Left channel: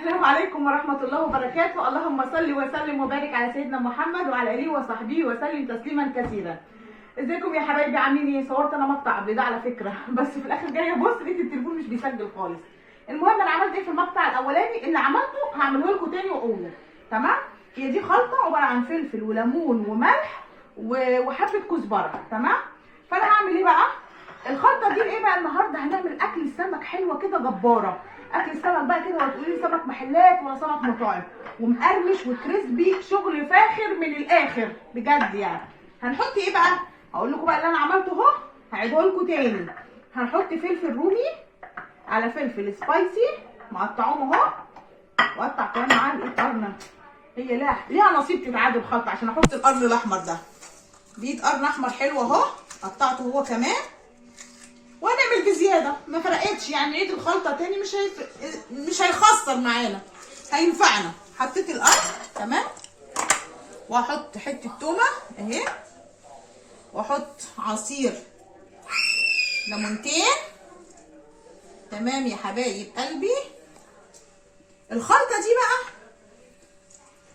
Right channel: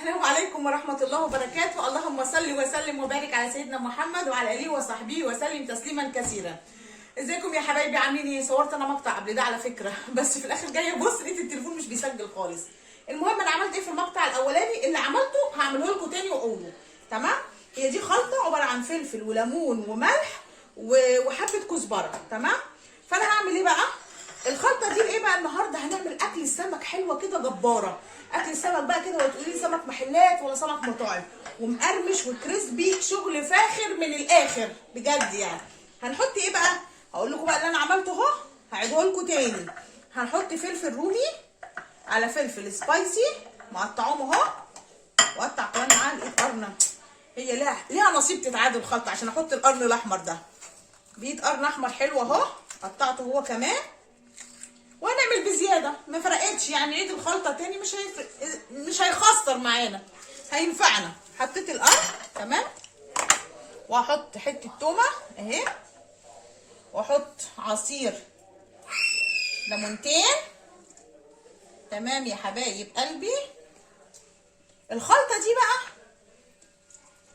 السلام عليكم ورحمة الله وبركاته. اللهم صل وسلم وبارك على سيدنا محمد وعلى آله وصحبه وسلم تسليما كثيرا. ازيكم يا حبايبي، عاملين ايه؟ صورت انا مقطع قبل ده على فكرة، بس في الاخر جايه بص لقيت التليفون مش بيسجل خالص. المهم انا عملت ايه في المقطع الاولاني؟ اللي عملته هعمله لكم تاني واقوله. تمام؟ هي دي خلطة عبارة عن فلفل وليمون وملح وحبة كزبرة. تمام؟ فانا هعمل ايه بقى؟ الخلطة دي ايه بقى؟ النهارده هنعمل اكل السمك حلوة كده جبارة. اكل السمك بقى كده، ولا تقولي لي سمك محلات ولا سمك مطاعم، ومقرمش وكريسبي، شغل فاخر من الاخر بجد يعني. هنحط ايه بقى؟ هقول لكم بقى اللي انا عملته اهو، هعيده لكم تاني. هنحط فلفل رومي على فلفل سبايسي مقطعوهم اهو، وقطع كمان معاه الايد قرن. هي ليها نصيب تتعاد الخلطه عشان احط القرن الاحمر ده. بايد قرن احمر حلو اهو، قطعته هو كمان. وهنعمل بزياده، ما فرقتش يعني، عيد الخلطه تاني مش هيخسر معانا، هينفعنا. حطيت القرن تمام، وهحط حته تومه اهي، واحط عصير ليمونتين. تمام يا حبايب قلبي. الخلطه دي بقى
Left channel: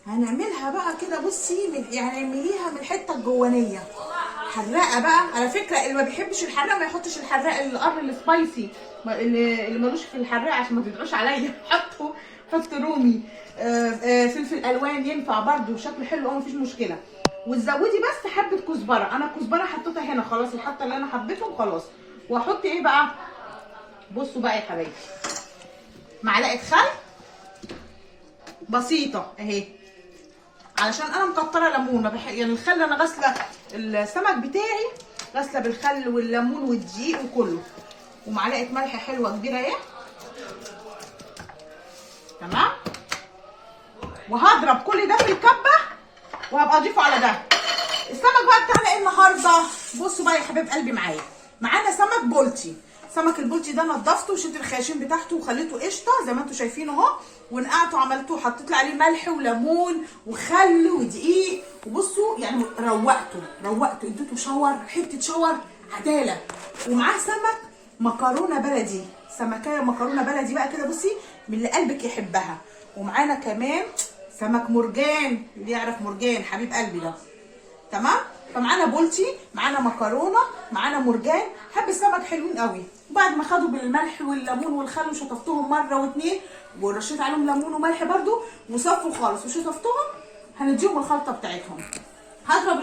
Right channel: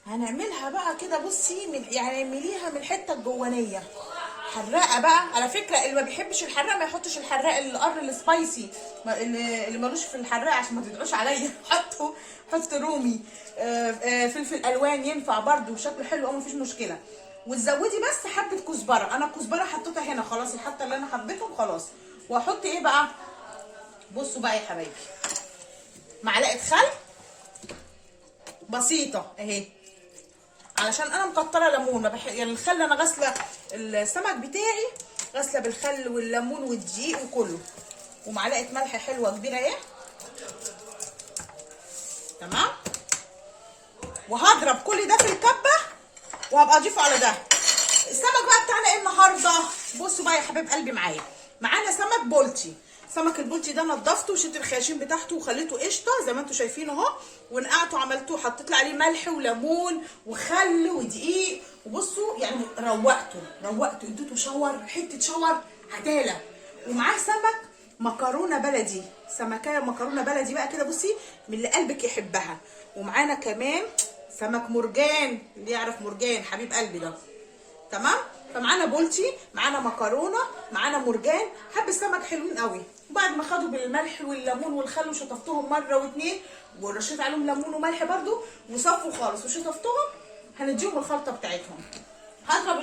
هنعملها بقى كده، بصي يعني اعمليها من الحته الجوانيه حراقه بقى. على فكره اللي ما بيحبش الحراق ما يحطش الحراق، القرن السبايسي اللي ملوش في الحراق عشان ما تدعوش عليا. حط رومي، فلفل الوان ينفع برده، شكله حلو قوي مفيش مشكله. وتزودي بس حبه كزبره، انا الكزبره حطيتها هنا خلاص، الحته اللي انا حبيتهم خلاص. واحط ايه بقى؟ بصوا بقى يا حبايبي، معلقه خل بسيطه اهي، علشان انا مكتره ليمون. ما يعني الخل انا غاسله السمك بتاعي، غاسله بالخل والليمون والدقيق وكله. ومعلقه ملح حلوه كبيره اهي. تمام. وهضرب كل ده في الكبه وهبقى اضيفه على ده. السمك بقى بتاعنا ايه النهارده؟ بصوا بقى يا حبايب قلبي، معانا سمك بولتي. سمك البولتي ده نضفته وشلت الخياشيم بتاعته وخليته قشطه زي ما انتم شايفين اهو، ونقعته عملتوه، حطيت له عليه ملح وليمون وخل ودقيق. وبصوا يعني روقته اديته شاور، حته شاور عداله. ومعاه سمك مكرونه بلدي، سمكايه مكرونه بلدي بقى كده، بصي من اللي قلبك يحبها. ومعانا كمان سمك مرجان، اللي يعرف مرجان حبيب قلبي ده. تمام. فمعانا بولتي، معانا مكرونه، معانا مرجان، حب السمك حلوين قوي. وبعد ما خدوا بالملح والليمون والخل وشطفتهم مره واتنين، ورشيت عليهم ليمون وملح برده، وصفوا خالص وشطفتهم، هنديهم الخلطه بتاعتهم. هضرب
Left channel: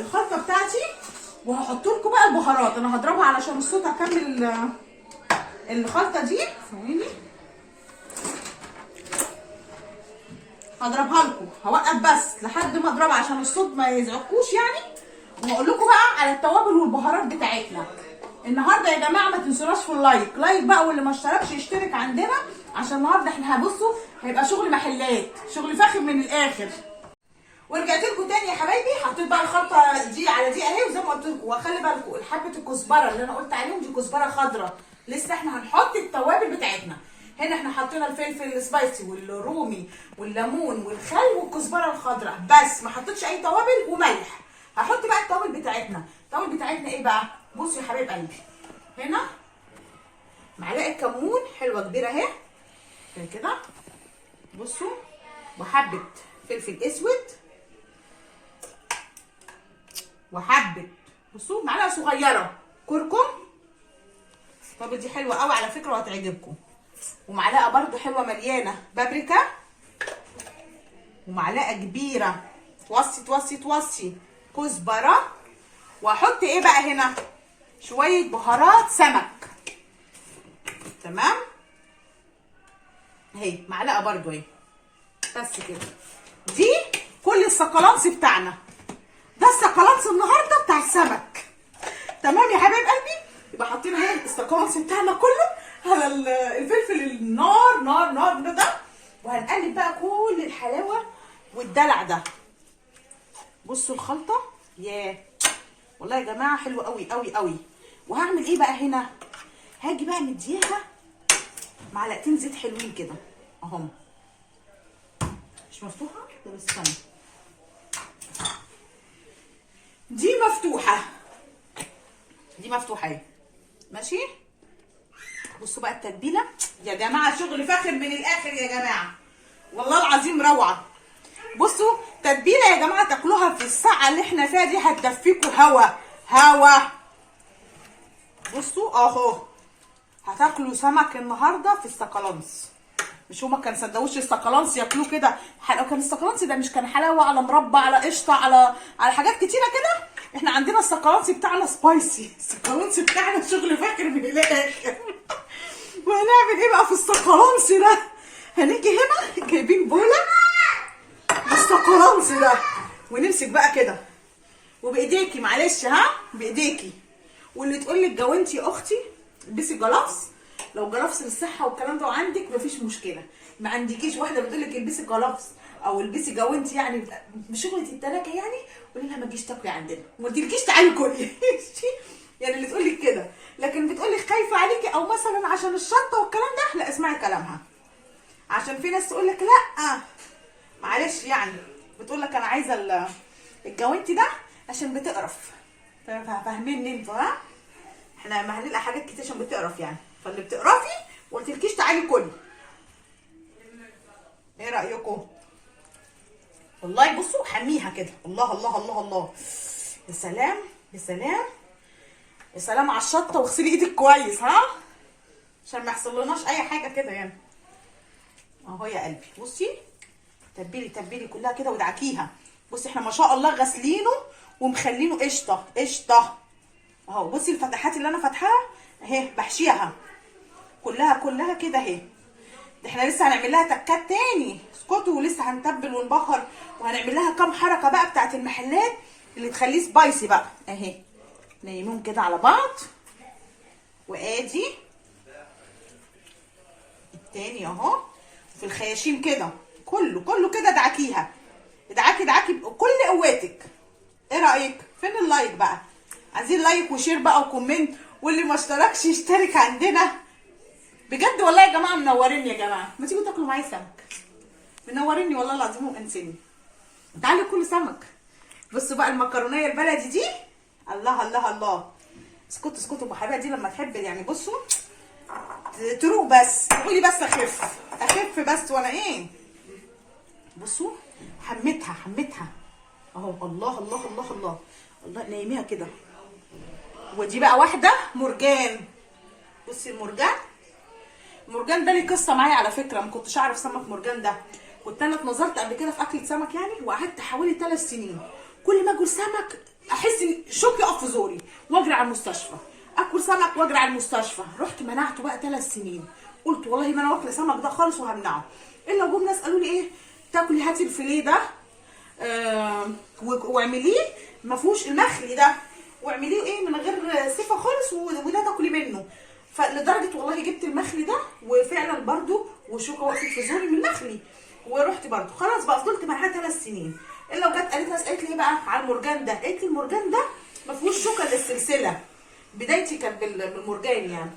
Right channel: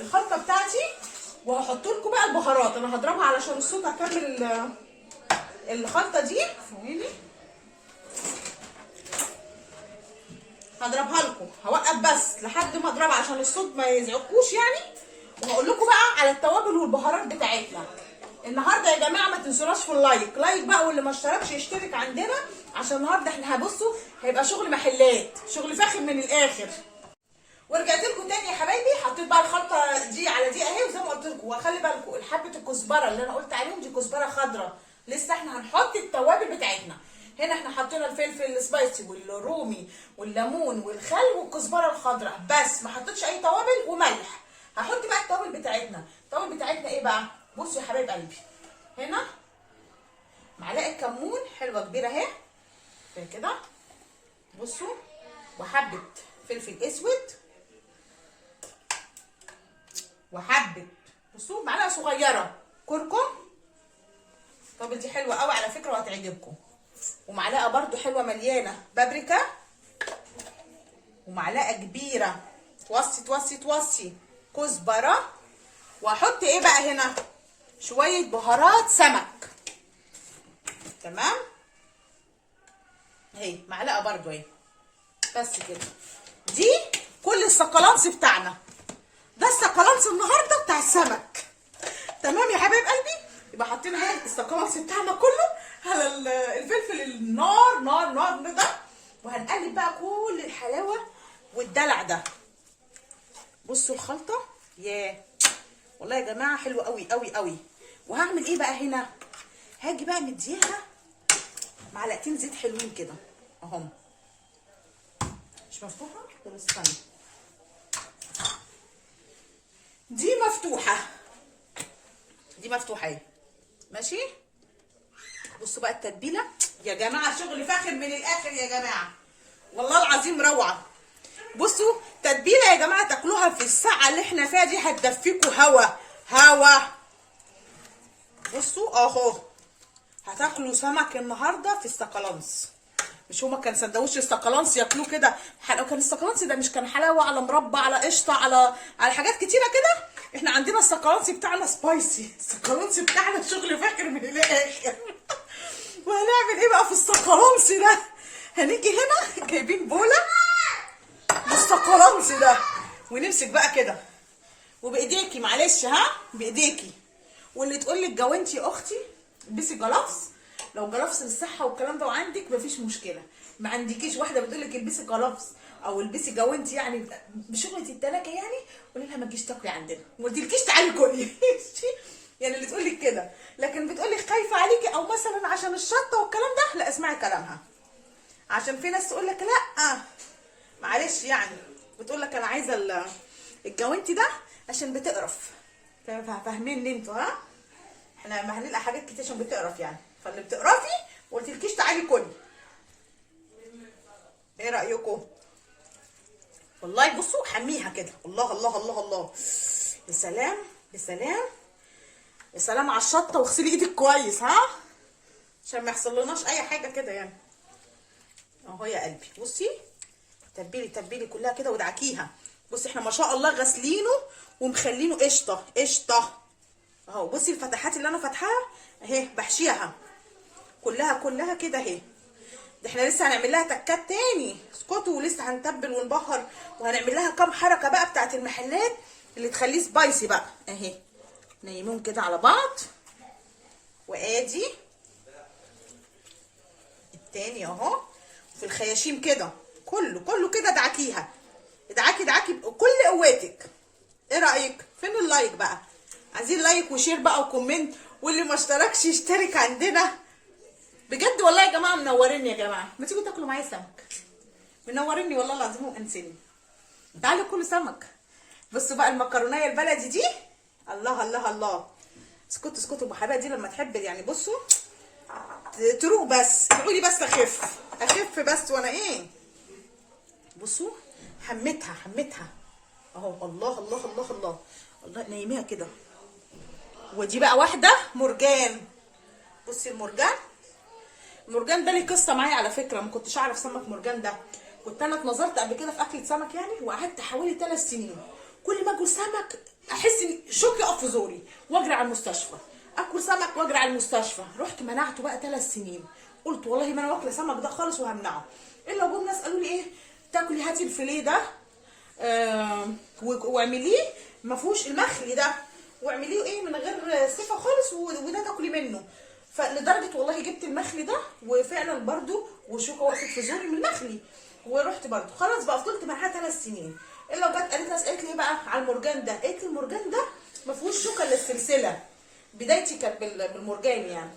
الخلطه بتاعتي وهحط لكم بقى البهارات. انا هضربها علشان الصوت، هكمل الخلطه دي ثواني، هضربها لكم. هوقف بس لحد ما اضربها عشان الصوت ما يزعجكوش يعني. وهقول لكم بقى على التوابل والبهارات بتاعتنا النهارده. يا جماعه ما تنسوناش في لايك بقى، واللي ما اشتركش يشترك عندنا، عشان النهارده احنا هبصوا هيبقى شغل محلات، شغل فاخر من الاخر. ورجعت لكم تاني يا حبايبي، حطيت بقى الخلطه دي على دي اهي، وزي ما قلت لكم وخلي بالكم حبه الكزبره اللي انا قلت عليهم دي كزبره خضراء. لسه احنا هنحط التوابل بتاعتنا. هنا احنا حطينا الفلفل السبايسي والرومي والليمون والخل والكزبره الخضراء بس، ما حطيتش اي توابل وملح. هحط بقى التوابل بتاعتنا. التوابل بتاعتنا ايه بقى؟ بصوا يا حبايب قلبي، هنا معلقه كمون حلوه كبيره اهي كده، بصوا، وحبه فلفل اسود، وحبه، بصوا، معلقه صغيره كركم. طب دي حلوه قوي على فكره وهتعجبكم. ومعلقه برده حلوه مليانه بابريكا، ومعلقه كبيره توصي كزبره. واحط ايه بقى هنا؟ شويه بهارات سمك. تمام اهي، معلقه برده اهي بس كده. دي كل السكالانس بتاعنا، ده السكالانس النهارده بتاع السمك. تمام يا حبايب قلبي. يبقى حاطين اهي السكالانس بتاعنا كله على الفلفل النار نار نار ده، وهنقلب بقى كل الحلاوه والدلع ده. بصوا الخلطه، ياه والله يا جماعه حلوه قوي قوي قوي. وهعمل ايه بقى هنا؟ هاجي بقى مديها معلقتين زيت حلوين كده اهم. مش مفتوحه؟ طب استنى، دي مفتوحه اهي ماشي. بصوا بقى التتبيله يا جماعه، شغل فاخر من الاخر يا جماعه. والله العظيم روعه. بصوا تتبيله يا جماعه تاكلوها في الساعه اللي احنا فيها دي هتدفيكوا هوا. بصوا اهو هتاكلوا سمك النهارده في السقلانس. مش هما كان سندوتش السقلانس ياكلوه كده، كان السقلانس ده مش كان حلاوه على مربى على قشطه على حاجات كتيره كده. احنا عندنا السقلانس بتاعنا سبايسي، السقلانس بتاعنا شغل فاكر من الاخر. وهنعمل ايه بقى في السقلانس ده؟ هنيجي هنا جايبين بوله بالسقلانس ده، ونمسك بقى كده وبايديكي، معلش ها بايديكي. واللي تقول لك جوانتي يا اختي البسي جلافز، لو جلافز للصحه والكلام ده وعندك مفيش مشكله. ما عندكيش واحده بتقول لك البسي جلافز او البسي جوانتي يعني بشغله التلاكه يعني، قولي لها ما تجيش تاكلي عندنا وما تجيلكيش تعالي كلي. يعني اللي تقول لك كده، لكن بتقول لك خايفه عليكي او مثلا عشان الشطه والكلام ده، لا اسمعي كلامها. عشان في ناس تقول لك لا معلش يعني، بتقول لك انا عايزه الجوانتي ده عشان بتقرف. فاهمين انتوا ها؟ احنا ما هنلقى حاجات كتير عشان بتقرف يعني، فاللي بتقرفي ما قلتلكيش تعالي كلي. ايه رايكم؟ والله بصوا حميها كده، الله الله الله الله، يا سلام يا سلام يا سلام على الشطه. واغسلي ايدك كويس ها عشان ما يحصلناش اي حاجه كده يعني. اهو يا قلبي بصي تبلي كلها كده وادعكيها. بصي احنا ما شاء الله غاسلينه ومخلينه قشطه اهو. بصي الفتحات اللي انا فاتحاها اهي بحشيها كلها كده اهي. ده احنا لسه هنعمل لها تكات تاني، اسكتوا، ولسه هنتبل ونبهر وهنعمل لها كام حركه بقى بتاعت المحلات اللي تخليه سبايسي بقى اهي. نيمون كده على بعض، وادي التاني اهو في الخياشيم كده، كله كده ادعكيها، ادعكي بكل قوتك. ايه رايك؟ فين اللايك بقى؟ عايزين لايك وشير بقى وكومنت، واللي ما اشتركش يشترك عندنا. بجد والله يا جماعه منوريني يا جماعه، ما تيجوا تاكلوا معايا سمك، منوريني والله العظيم وانسني. تعالوا كلوا سمك. بصوا بقى المكرونيه البلدي دي، الله الله الله. اسكتوا بحبايبي دي لما تحب يعني. بصوا تروق بس، تقولي بس اخف بس وانا ايه. بصوا حمتها اهو، الله الله الله الله الله. نايميها كده. ودي بقى واحده مرجان. بصي المرجان ده ليه قصه معايا على فكره، ما كنتش اعرف سمك مرجان ده. كنت انا اتنظرت قبل كده في اكله سمك يعني، وقعدت حوالي 3 سنين كل ما اكل سمك احس ان شوك يقف في زوري واجري على المستشفى. اكل سمك واجري على المستشفى. رحت منعته بقى 3 سنين. قلت والله ما انا واكله سمك ده خالص وهمنعه. الا جم ناس قالوا لي ايه، تاكلي هاتي الفيليه ده واعمليه ما فيهوش المخلي ده، واعمليه ايه من غير صفه خالص، وده تاكلي منه. فلدرجه والله جبت المخلي ده وفعلا برده وشوكه وقفت في زوري من المخلي، ورحت برده خلاص بقى فضلت معاها 3 سنين. الا وجت قالت ناس قالت لي ايه بقى على المرجان ده، قالت لي المرجان ده ما فيهوش شوكه الا السلسله. بدايتي كانت بالمرجان يعني،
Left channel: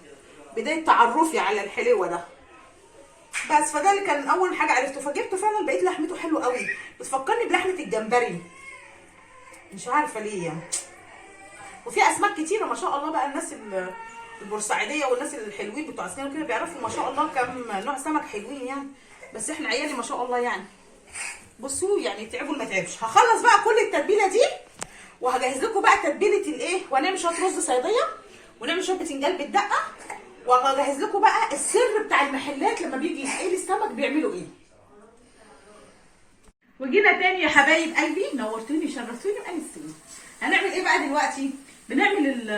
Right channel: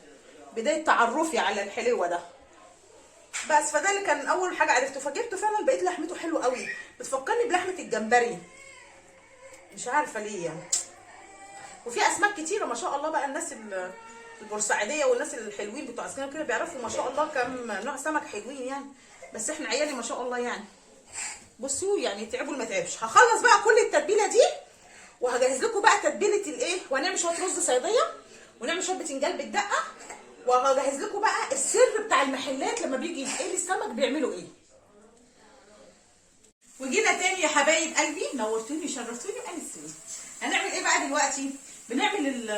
بدايه تعرفي على الحلوه ده بس. فده اللي كان اول حاجه عرفته، فجبته فعلا بقيت لحمته حلوه قوي، بتفكرني بلحمه الجمبري مش عارفه ليه يعني. وفي اسماك كتيره ما شاء الله بقى، الناس البورسعيديه والناس الحلوين بتوع اسنان كده بيعرفوا ما شاء الله كم نوع سمك حلوين يعني. بس احنا عيالي ما شاء الله يعني بصوا يعني تعبوا ما تعبش. هخلص بقى كل التتبيله دي وهجهز لكم بقى تتبيله الايه، وهنعمل شويه رز صياديه ونعمل شويه بتنجان بالدقه، وهجهز لكم بقى السر بتاع المحلات لما بيجي يتقلي السمك بيعملوا ايه. وجينا تاني يا حبايب قلبي، نورتوني شرفتوني وانستوني. هنعمل ايه بقى دلوقتي؟ بنعمل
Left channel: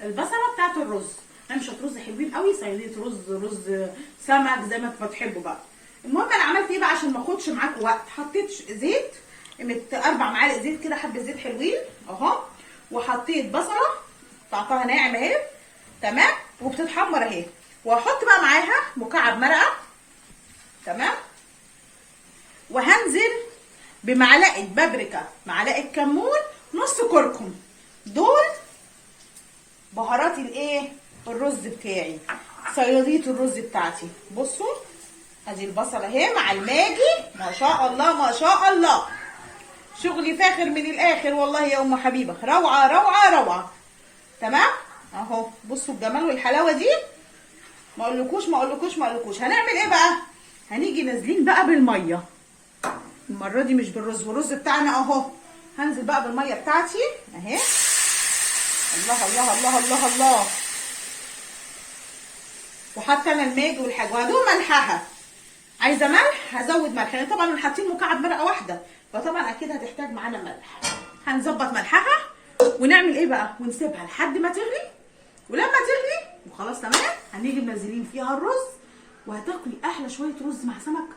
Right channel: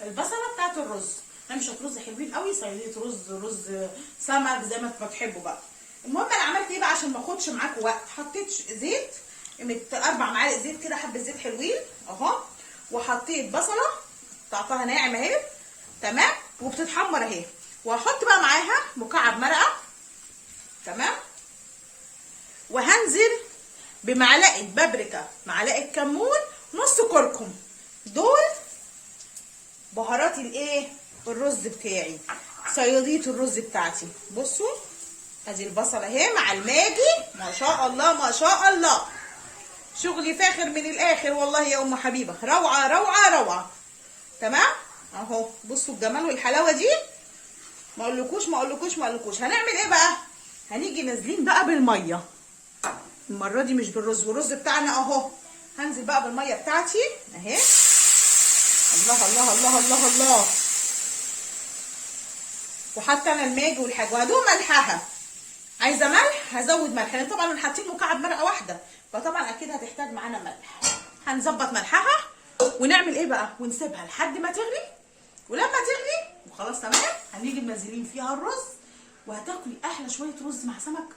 البصله بتاعت الرز. هنعمل شويه رز حلوين قوي، صياديه رز سمك زي ما تحبوا بقى. المهم انا عملت ايه بقى عشان ما اخدش معاكم وقت، حطيت زيت 4 معالق زيت كده، حبه زيت حلوين اهو، وحطيت بصله قطعتها ناعم اهي تمام وبتتحمر اهي، وهحط بقى معاها مكعب مرقه تمام، وهنزل بمعلقه بابريكا، معلقه كمون، نص كركم. دول بهارات الايه الرز بتاعي، صياديه الرز بتاعتي. بصوا ادي البصله اهي مع الماجي، ما شاء الله ما شاء الله، شغلي فاخر من الاخر والله يا ام حبيبه، روعه روعه روعه تمام اهو. بصوا الجمال والحلاوه دي، ما اقولكوش. هنعمل ايه بقى؟ هنيجي نازلين بقى بالميه المره دي، مش بالرز، والرز بتاعنا اهو. هنزل بقى بالميه بتاعتي اهي. الله الله الله الله الله. وحتى انا الماجي والحاجه وهدول ملحها. عايزه ملح هزود ملح، يعني طبعا حاطين مكعب مرقه واحده فطبعا اكيد هتحتاج معانا ملح. هنظبط ملحها ونعمل ايه بقى، ونسيبها لحد ما تغلي. ولما تغلي وخلاص تمام هنيجي منزلين فيها الرز، وهتاكلي احلى شويه رز مع سمك.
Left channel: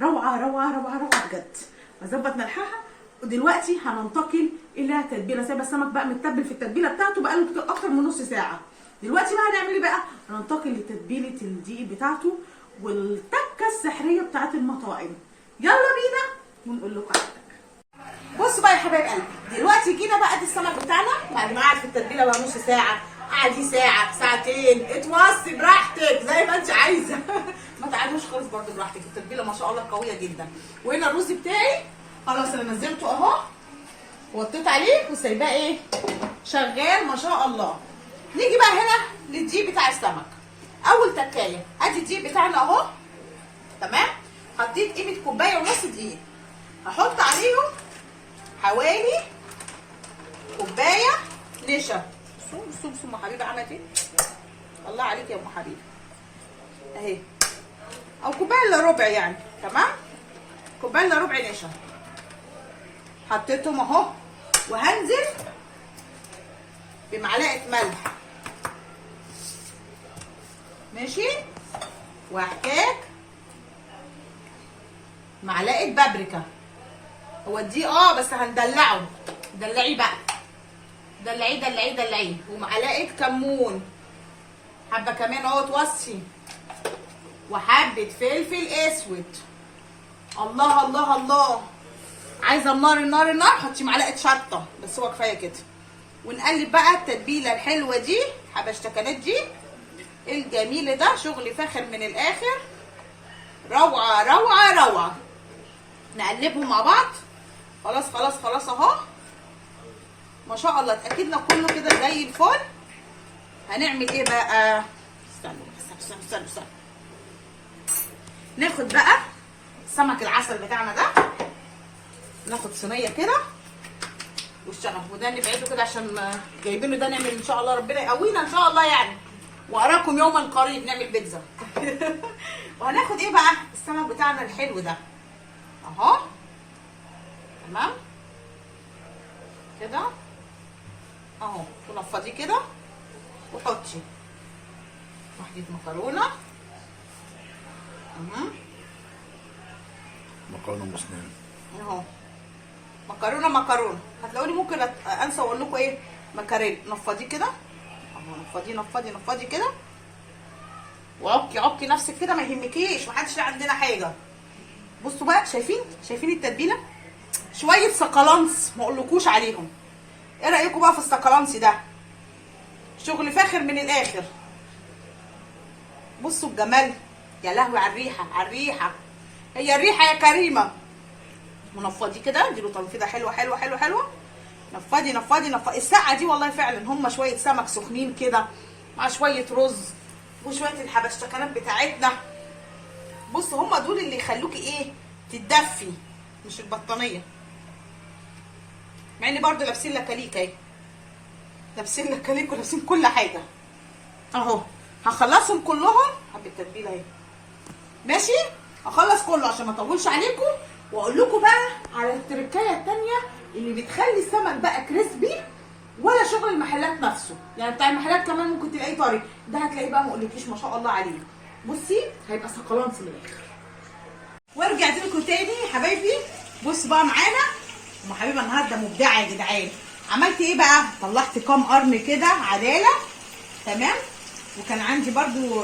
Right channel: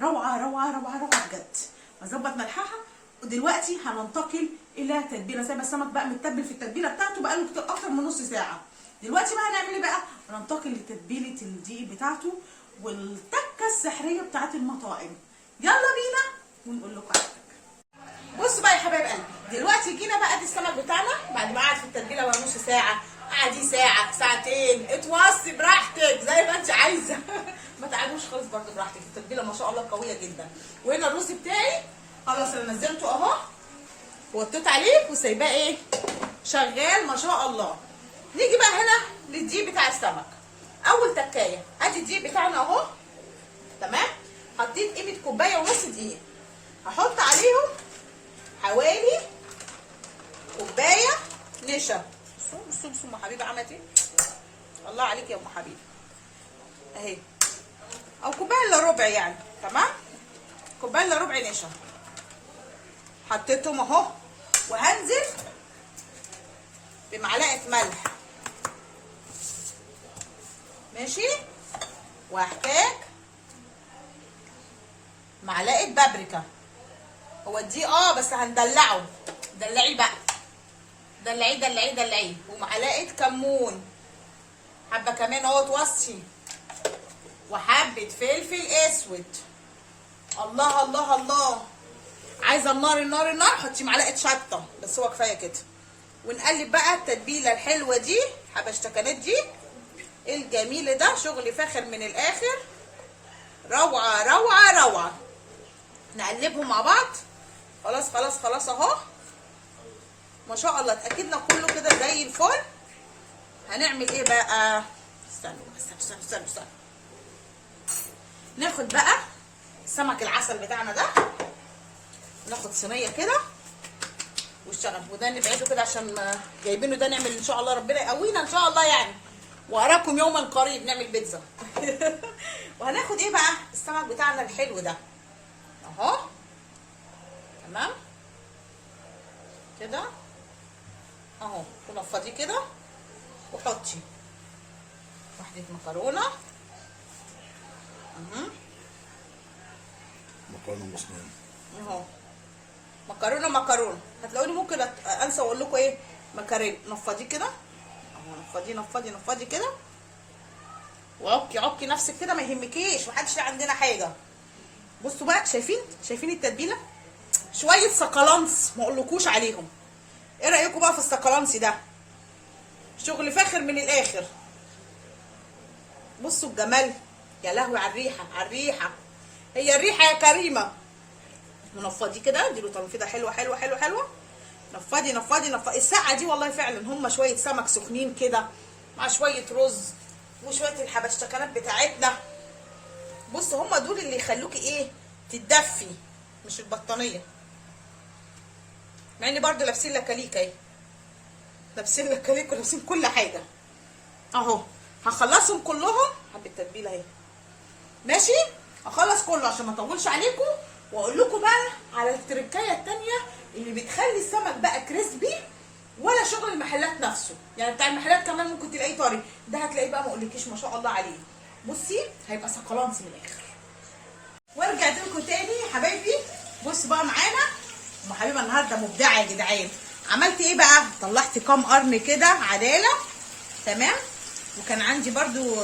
روعه روعه روعه روعه بجد. هظبط ملحها. ودلوقتي هننتقل الى تتبيله. سايبه السمك بقى متبل في التتبيله بتاعته بقاله اكتر من نص ساعه. دلوقتي بقى هنعمل ايه بقى؟ هننتقل لتتبيله الدقيق بتاعته والتكه السحريه بتاعت المطاعم. يلا بينا ونقول لكم على التكه. بصوا بقى يا حبايب قلبي، دلوقتي جينا بقى دي السمك بتاعنا بعد ما قعد في التتبيله بقى نص ساعه، قعدي ساعه ساعتين، اتوصي براحتك زي ما انت عايزه. ما تقعدوش خالص برده براحتك، التتبيله ما شاء الله قويه جدا. وهنا الرز بتاعي خلاص انا نزلته اهو ووطيت عليه وسايباه ايه شغال ما شاء الله. نيجي بقى هنا للدقيق بتاع السمك. اول تكايه ادي الدقيق بتاعنا اهو تمام. حطيت قيمه كوبايه ونص دقيق. هحط عليهم حوالي كوبايه نشا. بصوا بصوا ام حبيبه عملت ايه، الله عليك يا ام حبيبه اهي، او كوبايه الا ربع يعني تمام. كوبايه الا ربع نشا حطيتهم اهو. وهنزل بمعلقه ملح ماشي، وهحتاج معلقه بابريكا. هو دي بس هندلعه، دلعيه بقى، دلعيه دلعيه دلعيه. ومعلقه كمون حبه كمان اهو توصي، وحبه فلفل اسود. الله الله الله. عايزه النار النار النار حطي معلقه شطه بس، هو كفايه كده. ونقلب بقى التتبيله الحلوه دي، حبشتكنات دي الجميل ده، شغل فاخر من الاخر، روعه روعه روعه. نقلبهم مع بعض. خلاص خلاص خلاص اهو ما شاء الله اتاكدنا كله كده زي الفل. هنعمل ايه بقى؟ استنوا. ناخد بقى سمك العسل بتاعنا ده، ناخد صينيه كده والشغف، وده نبعده كده عشان جايبينه ده نعمل ان شاء الله ربنا يقوينا ان شاء الله يعني، واراكم يوما قريب نعمل بيتزا. وهناخد ايه بقى؟ السمك بتاعنا الحلو ده اهو تمام كده اهو. ونفضيه كده وحطي واحده مكرونه مكرونه مسلمه اهو. مكرونه هتلاقوني ممكن انسى اقول لكم ايه، مكاريل. نفضيه كده اهو، نفضي كده، وعكي نفسك كده ما يهمكيش، محدش عندنا حاجه. بصوا بقى، شايفين التتبيله؟ شويه سقلانس ما اقولكوش عليهم. ايه رايكم بقى في السقلانس ده؟ شغل فاخر من الاخر. بصوا الجمال، يا لهوي على الريحه، على الريحه، هي الريحه يا كريمه. ونفضي كده، اديله تنفيضه حلوه حلوه حلوه حلوه. نفضي. السقعه دي والله فعلا هم شويه سمك سخنين كده مع شويه رز وشويه الحبشتكنات بتاعتنا. بص هم دول اللي يخلوكي ايه، تتدفي، مش البطانيه. مع ان برضو لابسين لكاليك اهي، لابسين لكاليك ولابسين كل حاجه اهو. هخلصهم كلهم حبه التتبيله اهي ماشي. هخلص كله عشان ما اطولش عليكم، واقول لكم بقى على التركايه الثانيه اللي بتخلي السمك بقى كريسبي، ولا شغل المحلات نفسه. يعني بتاع المحلات كمان ممكن تلاقيه طري، ده هتلاقيه بقى ما اقولكيش ما شاء الله عليه. بصي هيبقى سقلانس من الاخر. ورجعت لكم تاني يا حبايبي. بصوا بقى معانا ام حبيبه النهارده مبدعه يا جدعان. عملت ايه بقى؟ طلعت كام قرن كده عداله تمام. وكان عندي برضو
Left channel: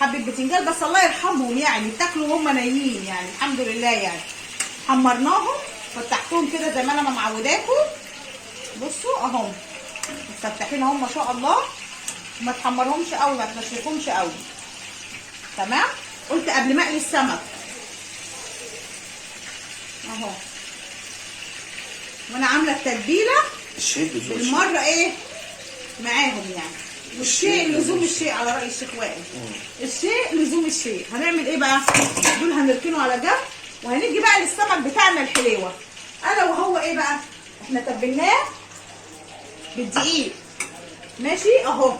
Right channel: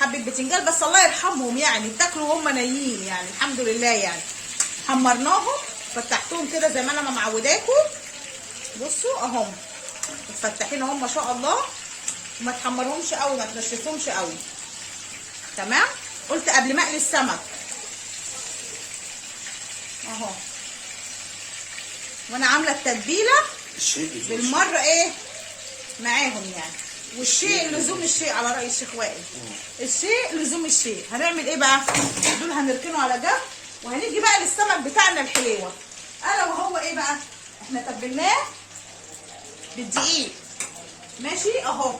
حبه بتنجان بس الله يرحمهم يعني اتاكلوا وهم نايمين يعني الحمد لله يعني. حمرناهم فتحتهم كده زي ما انا معوداكم. بصوا اهم متفتحين اهم ما شاء الله. ما تحمرهمش قوي، ما تنشفهمش قوي تمام. قلت قبل ما اقلي السمك اهو، وانا عامله التتبيله بالمره ايه معاهم يعني. والشيء لزوم الشيء على راي الشيخ وائل. الشيء لزوم الشيء. هنعمل ايه بقى؟ دول هنركنه على جنب، وهنيجي بقى للسمك بتاعنا الحليوه. انا وهو ايه بقى؟ احنا تبلناه بالدقيق ماشي اهو.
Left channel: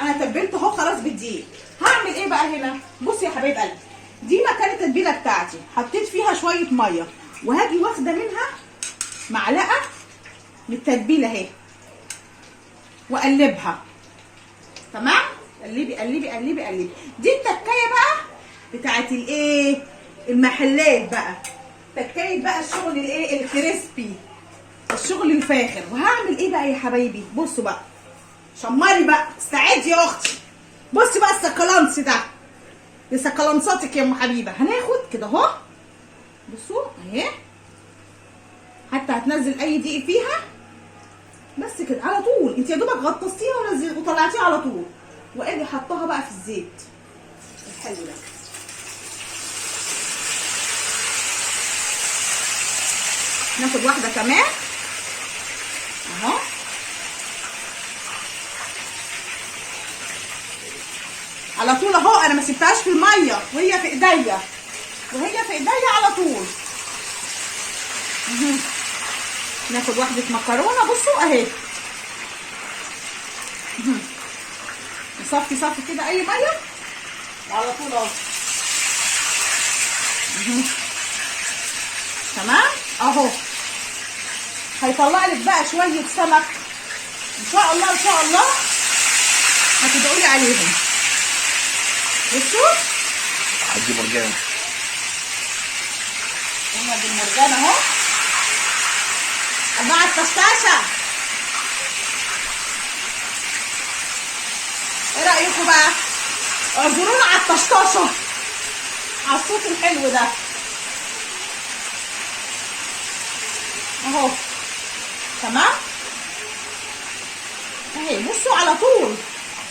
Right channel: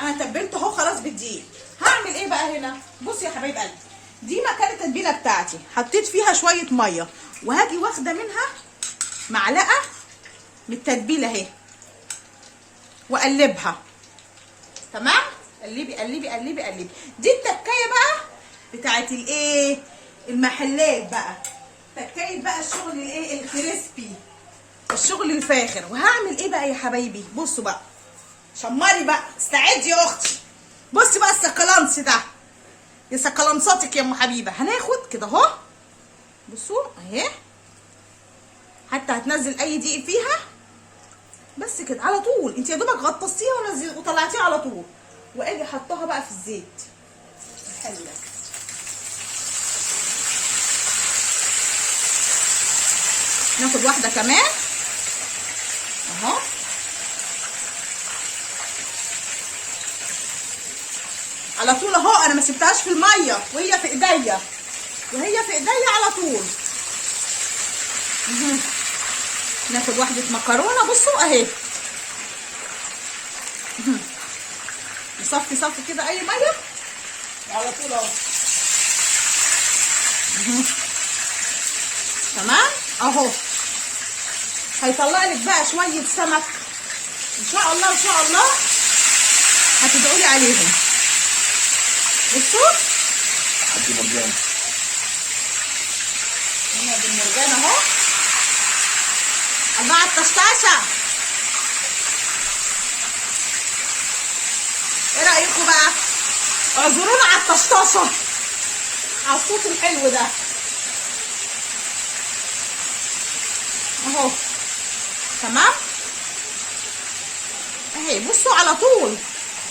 انا تبلته اهو خلاص بالدقيق. هعمل ايه بقى هنا؟ بصي يا حبايب قلبي، دي مكان التتبيله بتاعتي، حطيت فيها شويه ميه، وهاجي واخده منها معلقه من التتبيله اهي واقلبها. تمام؟ قلبي قلبي قلبي قلبي. دي التكايه بقى بتاعت الايه؟ المحلات بقى. تكايه بقى الشغل الايه؟ الكريسبي، الشغل الفاخر. وهعمل ايه بقى يا حبايبي؟ بصوا بقى، شمري بقى، استعدي يا اختي. بصي بقى السكالانس ده، يا سكالانساتك يا ام حبيبه. هناخد كده اهو، بصوا اهي، حتى هتنزل اي دقيق فيها بس كده على طول. انت يا دوبك غطستيها وطلعتيها على طول، واجي حطها بقى في الزيت الحلو ده. ناخد واحده كمان اهو، على طول اهو. انا ما سبتهاش في الميه وهي في ايديا، وهي في ايديا على طول. ناخد واحده مكرونه، بصوا اهي، نصفي صفي كده اي ميه وعلى طول اهو. تمام اهو. هيطلع لك بقى شويه سمك ان شاء الله ان شاء الله، هتدعوا لي عليهم. بصوا عندي مرجان، هنا المرجان اهو، انواع الطشطشه. ايه رايكم بقى؟ اعذرونا على الطشطشه، على الصوت الحلو ده اهو. تمام اهي. بصوا على طول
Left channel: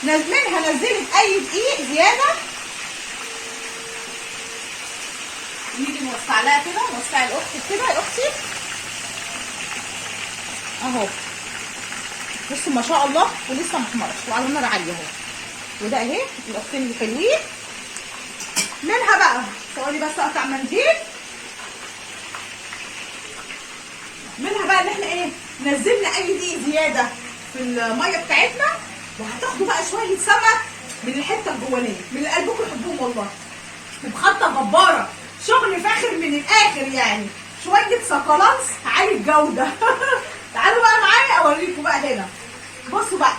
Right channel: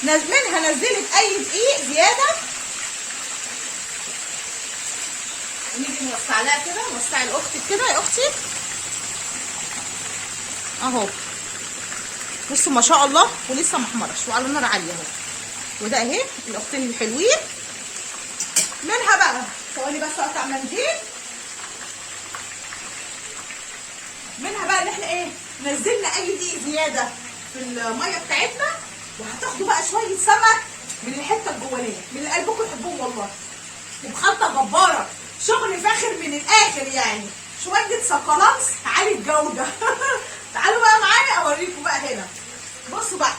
منها نزلت اي دقيق زياده، نيجي نوسع لها كده، نوسع لاختك كده يا اختي اهو. بصوا ما شاء الله، ولسه محمرش وعلى نار عاليه اهو. وده اهي الاختين الحلوين. منها بقى ثواني بس اقطع منديل. منها بقى ان احنا ايه؟ نزلنا اي دقيق زياده في الميه بتاعتنا، وهتاخدوا بقى شويه سمك من الحته الجوانيه، من اللي قلبكم يحبوهم والله، وبخلطه جباره، شغل فاخر من الاخر يعني، شويه سكالانس عالي الجوده. تعالوا بقى معايا اوريكم بقى هنا. بصوا بقى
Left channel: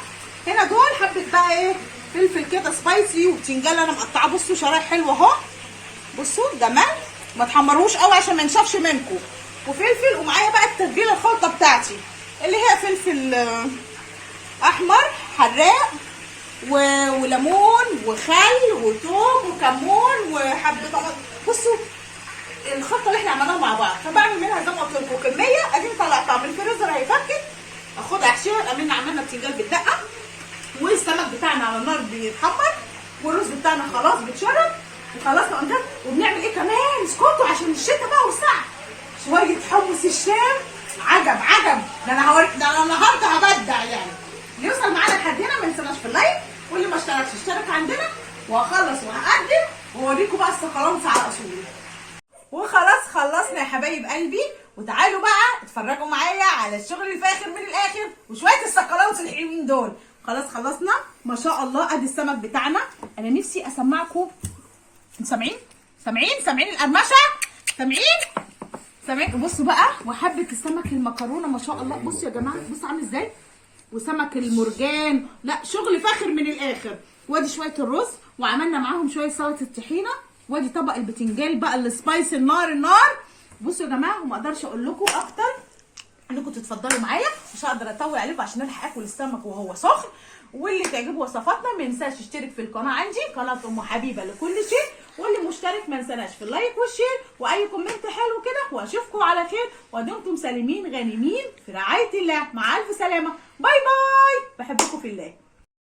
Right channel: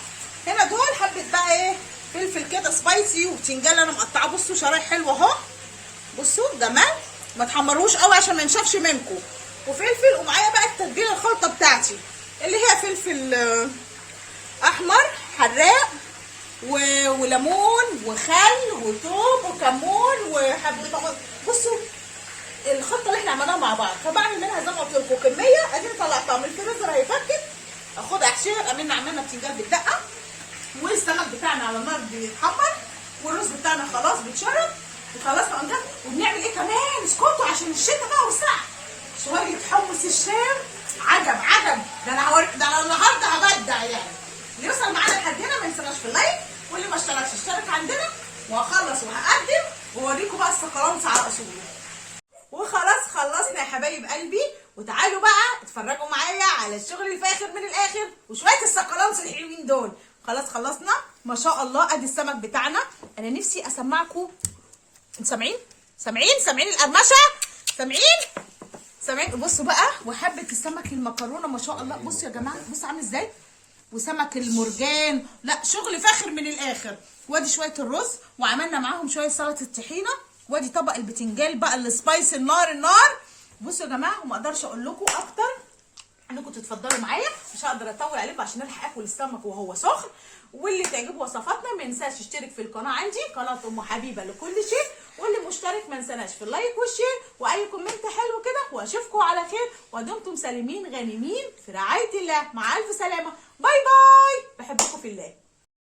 هنا دول حبه بقى ايه؟ فلفل كده سبايسي، وبتنجان انا مقطعاه بصوا شرايح حلوه اهو. بصوا جمال، ما تحمروش قوي عشان ما ينشفش منكم. وفلفل، ومعايا بقى التتبيله الخلطه بتاعتي اللي هي فلفل احمر حراق وليمون وخل وثوم وكمون وحبه طماطم. بصوا الخلطه اللي احنا عملناها مع بعض، فبعمل منها زي ما قلت لكم كميه. ادي طلعتها من الفريزر هيفكت، اخدها احشيها. الامنا عملنا بتنجان بالدقه، والسمك بتاعنا على النار بيتحمر، والرز بتاعنا خلاص بيتشرب وخلاص. وبنعمل ايه كمان؟ اسكتوا عشان الشتا بقى والساعه. شويه حمص الشام عجب عجب. ده انا هوريك، ده انا النهارده هبدع يعني. اللي يوصل معانا لحد هنا ما ينساش في اللايك، واللي ما اشتركش اشترك عندنا. وهخلص وهقدم واوريكم بقى السكالانس على اصوله. وخلاص خلصنا يا حبايب قلبي، وتعالوا بقى اتفرجوا معايا على الشغل الفاخر من الاخر وشويه السكالانس الحلوين دول. خلاص خلصنا ما شاء الله. ادي السمك بتاعنا. انا نفسي اسمعكم، سامعين؟ سامعين القرمشه؟ سامعين؟ بصوا بقى، وحبه السمك المكرونه ما شاء الله. بصوا يا جماعه، بصوا عامل ازاي، وسمك المرجان، لا شغل فاخر من الاخر. وادي شويه الرز، وعملنا معاهم شويه سلطه الطحينه، وادي طبق البتنجان بقى السبايسي النار. بصوا يا جماعه، وما اقدرش اقول لكم اكتر انكم تتفضلوا معايا، مش هقدر اطول عليكم عشان الحق اكل السمك وهو سخن. واللي تعجبه وصفاتنا ما ينساش يشترك في القناه عندي، قناه ام حبيبه لكل شيء. واللي مشترك ما ينساش في اللايك والشير واي كومنت حلو كده. واشوفكم على خير، ودمتم سالمين غانمين في رعايه الله. مع الف سلامه، باي باي، بحبكم في الله.